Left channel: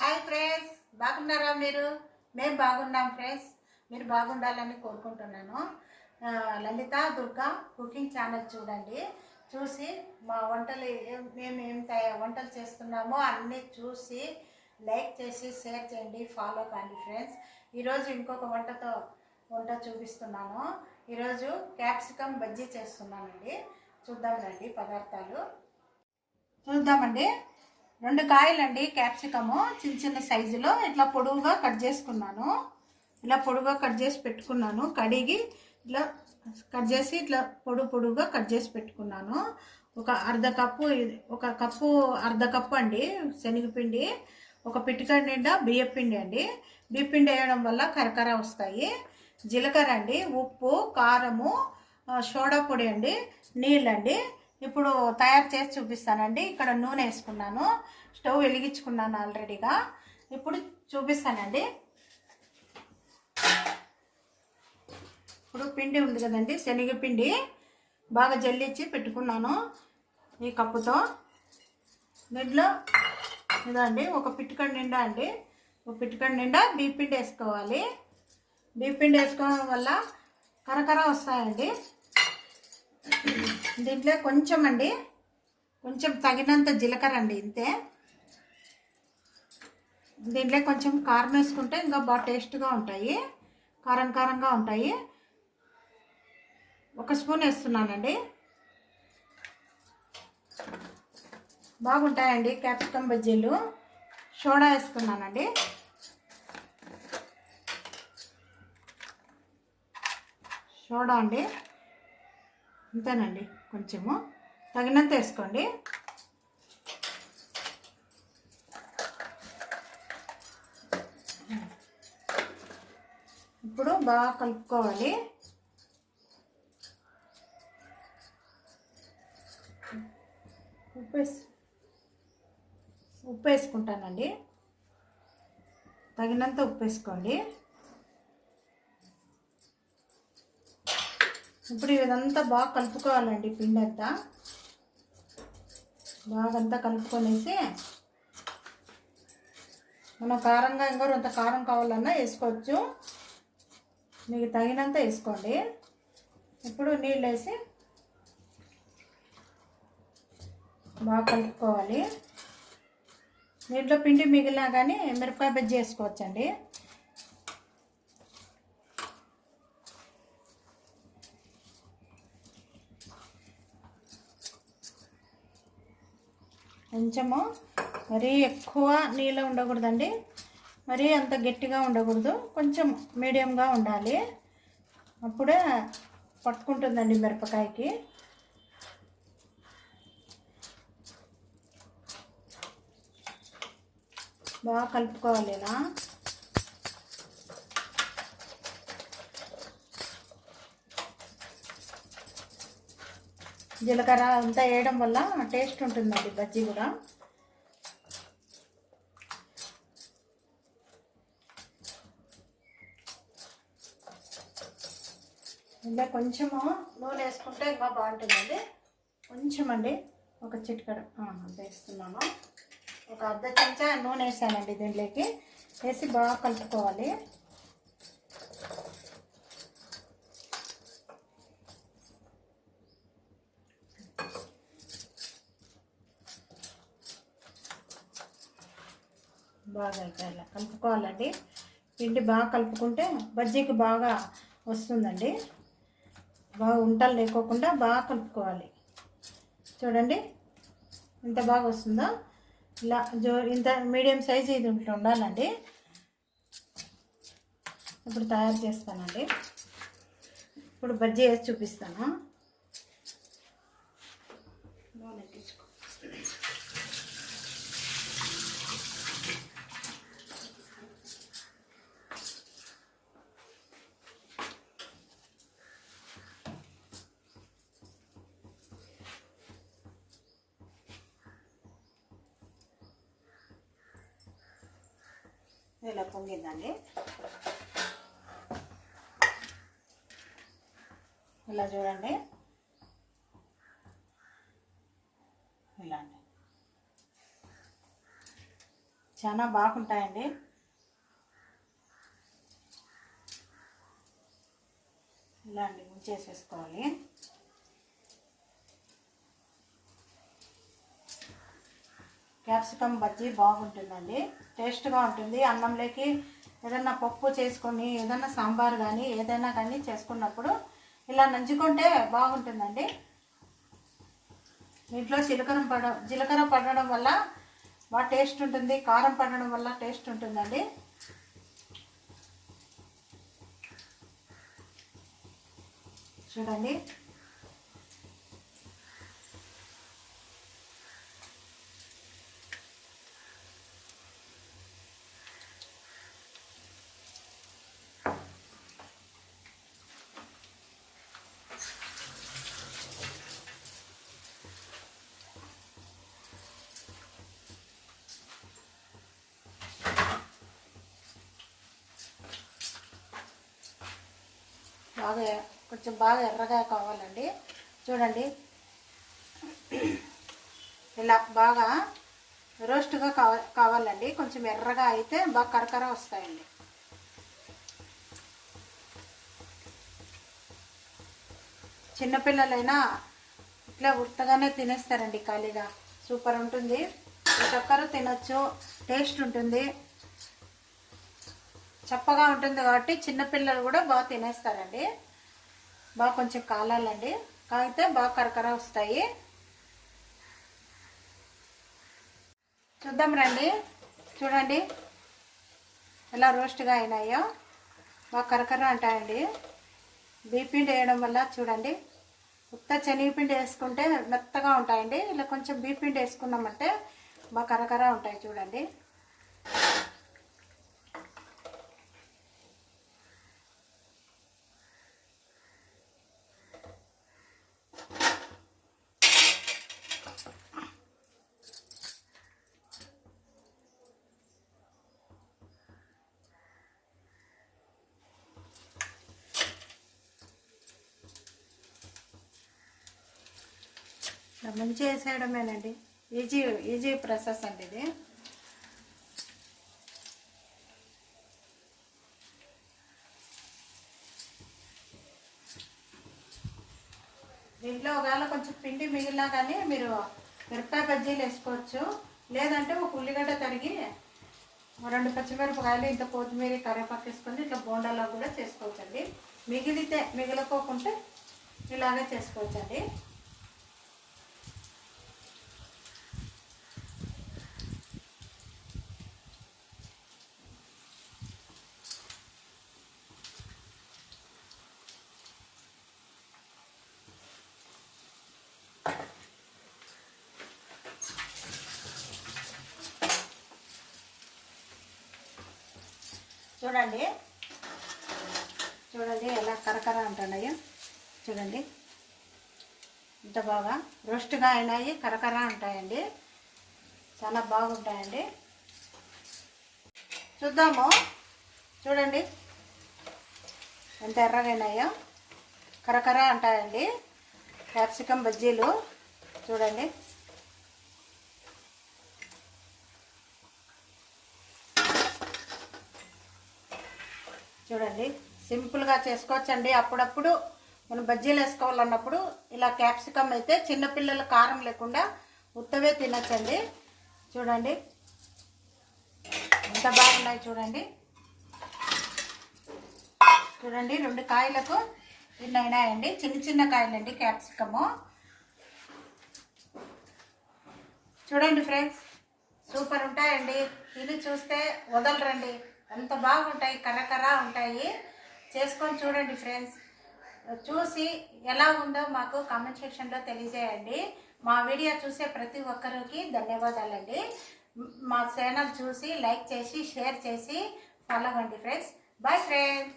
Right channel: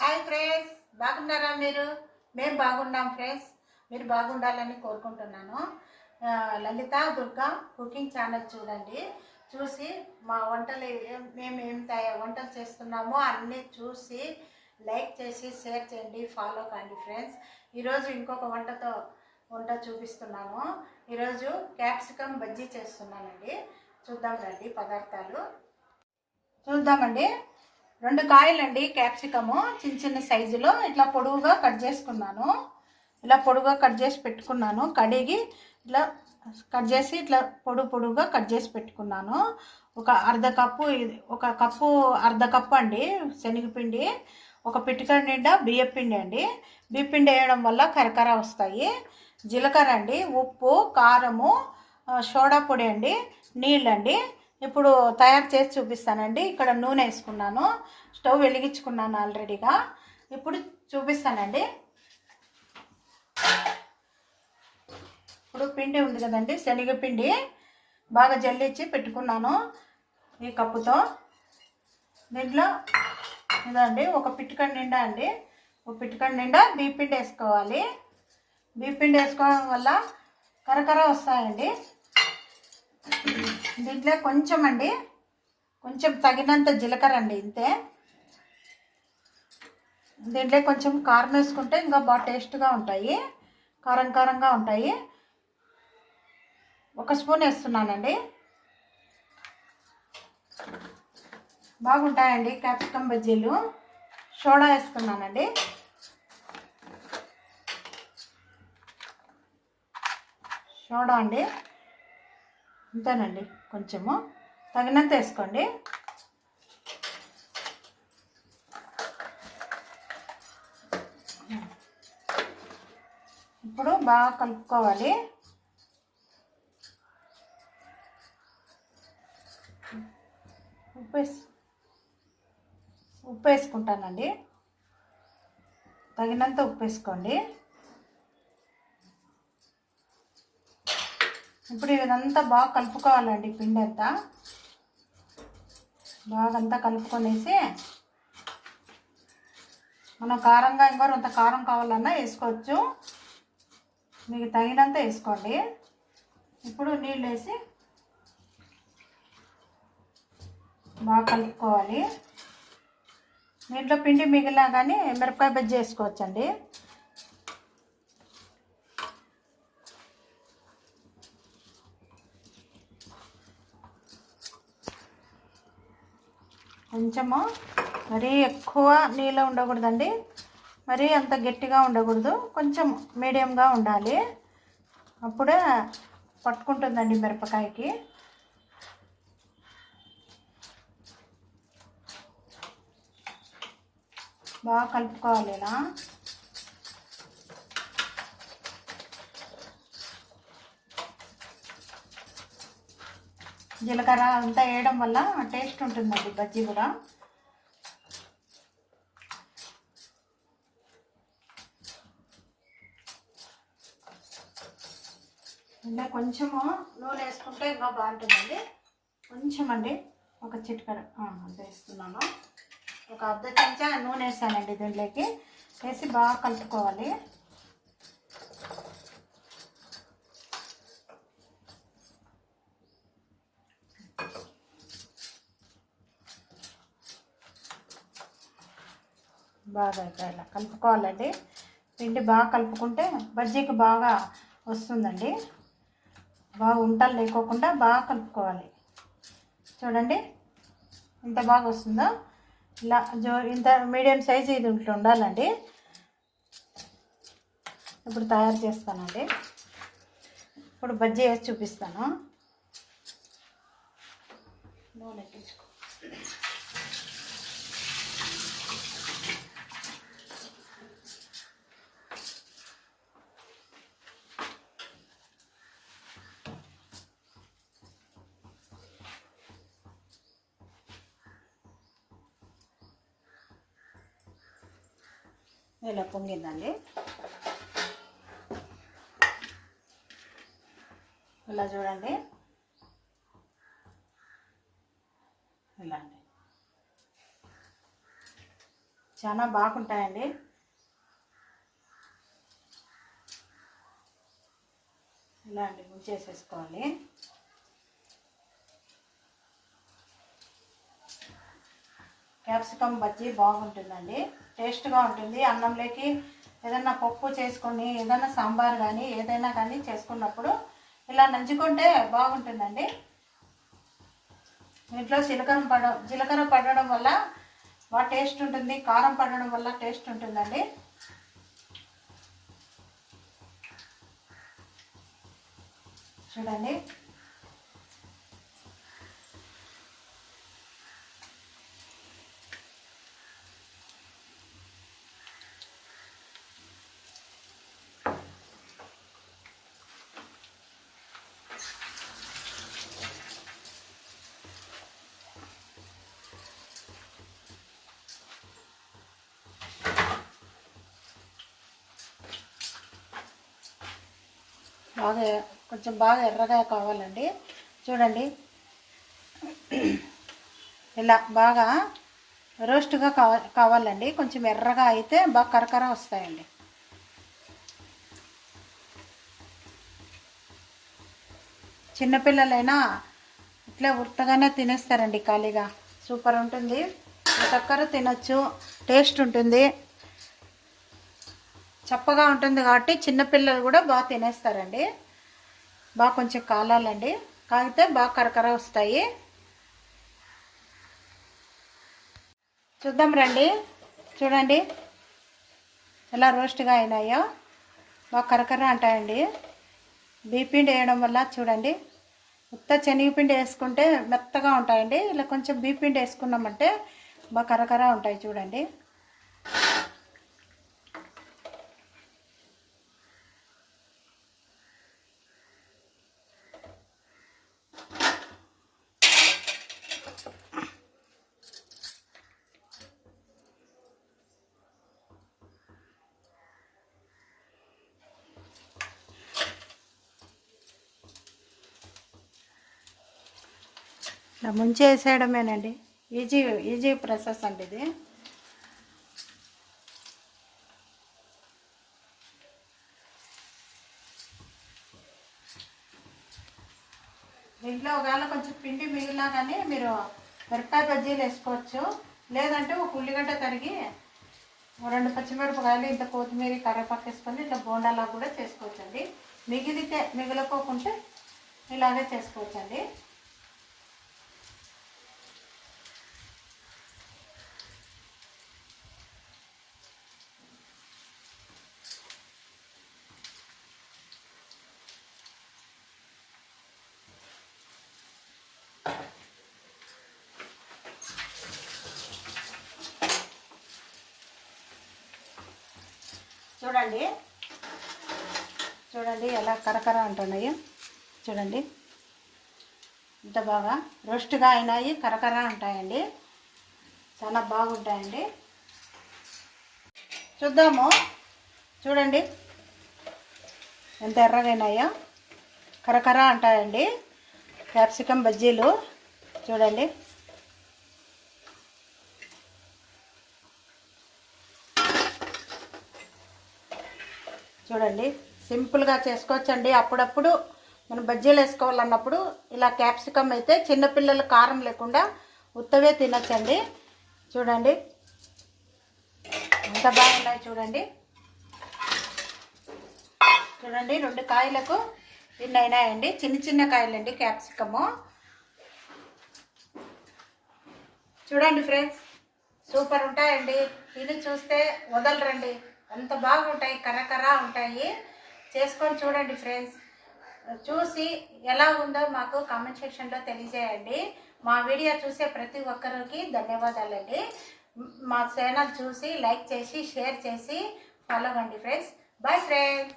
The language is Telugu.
హాయ్ ఫ్రెండ్స్, బాగున్నారా మీరు? మేము బాగున్నాం ఫ్రెండ్స్. మీరు బాగుండాలని కోరుకుంటున్నాను. లలిత దుర్గా కుకింగ్ ఛానల్ చూడండి. చూసి మా వంటలు మేము వంటలు చేస్తున్నామో అన్నీ చూసి లైక్ చేసి షేర్ చేయండి, ఫాలో కండి ఫ్రెండ్స్. ఈరోజు ఇంకొక వంట చూపిస్తున్నాను. ఈరోజు క్యాప్సికమ్ బజ్జీ చేస్తున్నానండి. చూద్దాం రండి పదార్థాలు చూద్దామండి. 2 కాయలండి క్యాప్సికము, చిన్న చిన్న సైజులో ఇట్లా పొడుగుగా కట్ చేసుకున్నాను. ఇలా పొడుగుగా కట్ చేసి పెట్టుకున్నాను. కడిగి ఇట్లా కట్ చేసి ఇట్లా పొడుగుగా కట్ చేసి పెట్టుకున్నాను. ఒక అర్ధ కప్పు అండి శనగపిండి, ఒక పిటికెడు నిండా బియ్యపిండి అండి. బియ్యపిండి వేయడం వల్ల కరకర వస్తాయి. జీలకర్ర అండి, ఉప్పు, కారము, సోడా పొడి అండి, నీళ్ళండి. ఇప్పుడు తయారు చేసి చూపిస్తానండి. ఇక్కడ నూనె వేసుకున్నాను, స్టవ్ వెలిగించుకున్నాను ఆల్రెడీగా. ఇప్పుడు చూపిస్తానండి. ఇప్పుడు పిండి ఉంది కదండి, శనగపిండి బాగా జల్లించి పెట్టుకున్నాను ఈ కప్పుతో. దీంట్లో ఇదండి ఒక పిటికెడు నిండా అండి, ఒక పిటికెడు నిండా బియ్యపిండి వేసుకోవాలి. బియ్యపిండి వేసుకోవడం వల్ల కరకర వస్తాయండి. దీంట్లో కొంచెం అండి, కొంచెం తగినంత జీలకర్ర అండి, ఇంతే. దీంట్లో కొంచెం కారం వేసుకుంటే ఇంకా బాగా టేస్ట్గా ఉంటాయి, కారంగా ఉంటాయి. 1 స్పూన్ వేస్తున్నానండి. బాగుంటాయండి క్యాప్సికమ్ బజ్జీలు. సోడా వేస్తున్నానండి. సోడా అండి అంతేనండి, కొంచెము తగినంత వేసుకోండి. ఇప్పుడు బాగా కలుపుకోవాలి. ఉప్పు వేసుకుంటానండి, తగినంత ఉప్పు వేసుకోండి. ఇప్పుడు ఇదంతా బాగా కలుపుకోవాలండి. పిండి అంతా బాగా కలుపుకొనేసి మనం కారంగా ఇంకొంత కారం కావాలన్నా వేసుకోవచ్చు, మీకు తగినంత వేసుకోండి. ఇప్పుడు నీళ్ళు వేసి బాగా కలుపుకోవాలి. దీంట్లో పిండి మిగిలినా కానీ మిరపకాయ బజ్జీ వేసుకోవచ్చండి. కొంచెము మరీ ఎక్కువ నీళ్ళు ఉండకూడదండి, మరీ అంత గట్టిగా ఉండకూడదు, కొంచెం మీడియంగా ఉండాలి. అప్పుడే పట్టుకుంటుందండి మిరపకాయకి. బాగా కలుపుకోవాలి ఇలా. జీలకర్ర అంతా వేయడం వల్ల టేస్ట్ ఉంటుందండి బజ్జీ కూడా. ఇలా కొంచెము నూనె వేసుకుంటే ఇంకా బాగుంటుందండి. కొంచెం అండి, ఒక చిటికెడు అంత వేస్తున్నాను. ఒక అర్ధ చెంచా నూనె వేసానండి. దీంట్లోకి వేసి బాగా కలుపుకోవాలి. బాగా ఇలా కలుపుకోవాలండి. పిండి బాగా కలుపుకుంటే బజ్జీకి బాగా వస్తుందండి. బాగా ఉంటలు లేకోకుండా బాగా కలుపుకోవాలి. చూడండి ఇంత బాగా వస్తుందో. ఇలా ఇంత మీడియం సైజు ఇది ఇట్లా ఉండాలండి. ఇప్పుడు తయారు చేస్తానండి. ఇప్పుడు బజ్జీ వేసి చూపిస్తాను. నూనె ఎక్కించుకో. ఇలా పొంగిందండి. ఇలా చూడండి, ఇలా అండి. చాలా బాగుంటాయండి. ఇలా అండి ముంచేసేసుకోవాలి. క్యాప్సికమ్ బజ్జీ బాగుంటుందండి, టేస్ట్గా ఉంటుంది. అన్నంలోకి ఏదైనా పప్పు చేసుకొని ఏదైనా సాంబార్ కానీ ఏదైనా కానీ చేసుకున్నప్పుడు ఇలా నంచుకుంటే బాగుంటుందండి. దీంట్లో జీలకర్ర పడడం వల్ల బాగా టేస్ట్ ఉంటుంది, కారం పడడం వల్ల టేస్ట్ ఉంటుందండి. చూడండి కొంచెం బాగా ఎర్రగా కావాలండి. చూడండి ఇలా బాగా రోస్ట్గా కావాలండి. కొంచెం ఎర్రగా అయితే బాగా కరకర వస్తాయండి. చిన్నపిల్లలైనా ఇట్లా ఉత్తగానే తినేస్తారండి ఖాళీగా. సూపర్ ఉంటుంది. చక్కెర తినొచ్చు, టేస్ట్ ఉంటుంది, చప్పగా ఉంటుంది కాబట్టి చిన్నపిల్లలు కూడా బాగా తినేస్తారండి. బాగా కొంచెం కాలాలండి, కాగితే బాగా కరకర వస్తాయి. చూద్దాం రండి. చూడండి ఎలా రోస్ట్గా అయినాయో, బాగా కరకర అంటాయండి. బియ్యపిండి వేయడం వల్ల చూడండి, ఉత్త శనగపిండి వేసుకుంటే మెత్తగా ఉంటాయండి. ఇలా కొంచెం బియ్యపిండి వేసుకున్నామంటే బాగా కరకర ఉంటాయి. చూడండి ఇలా ముంచేసేయడమేనండి. ఈజీ ప్రాసెస్ అండి ఇది. దీంట్లో ఒకవేళ కొంచెం పిండి మిగిలినా కానీ మీరు మిరపకాయ బజ్జీలు వేసుకోవచ్చు. లేదంటే ఒక ఉల్లిగడ్డ తరిగి 2 పచ్చిమిరపకాయలు ఇంత కొత్తిమీర కరివేపాకు వేసుకొని ఇట్లా బోండాలా కూడా చేసుకోవచ్చండి. మిగిలిపోకుంటే ఇలాగే చేసుకోవచ్చండి. చూడండి ఎలా కరకర అంటున్నాయి. చూడండి ఇంత బాగా రోస్ట్గా అయినాయి, కరకర ఉంటాయండి, చాలా బాగుంటాయండి. చూద్దాము. చూడండి ఎంత ఎర్రగా అయినాయో, కరకర అంటాయండి క్యాప్సికమ్ బజ్జీలు. చూడండి చూడండి సింపుల్గా చేసుకోవచ్చండి. అప్పుడప్పుడు మనం బజ్జీలు వేసుకోవాలన్నప్పుడు ఇలా క్యాప్సికమ్ అయితే చిన్నపిల్లలు కారం లేకుండా ఉత్తవే తినచ్చండి. చూడండి ఎంత బాగున్నాయి. చూడండి 2 కాయలకు ఇన్ని అయినాయండి. చిన్న కాయలండి క్యాప్సికము. చూడండి ఫ్రెండ్స్, సూపర్ ఉంటాయండి. తిని చూస్తే వదలరండి, అంత బాగుంటాయి, కర్ర ఉంటాయి. చేసుకొని చూడండి ఫ్రెండ్స్. చూసి ఎలా ఉందో మాకు కామెంట్ సెక్షన్లో తెలియజేయండి. మా వీడియో చూసే ప్రతి ఒక్కరికి ధన్యవాదాలండి. మా ఛానల్ చూసి లైక్ చేసి షేర్ చేసి ఫాలో అవ్వండి ఫ్రెండ్స్. Bye friends.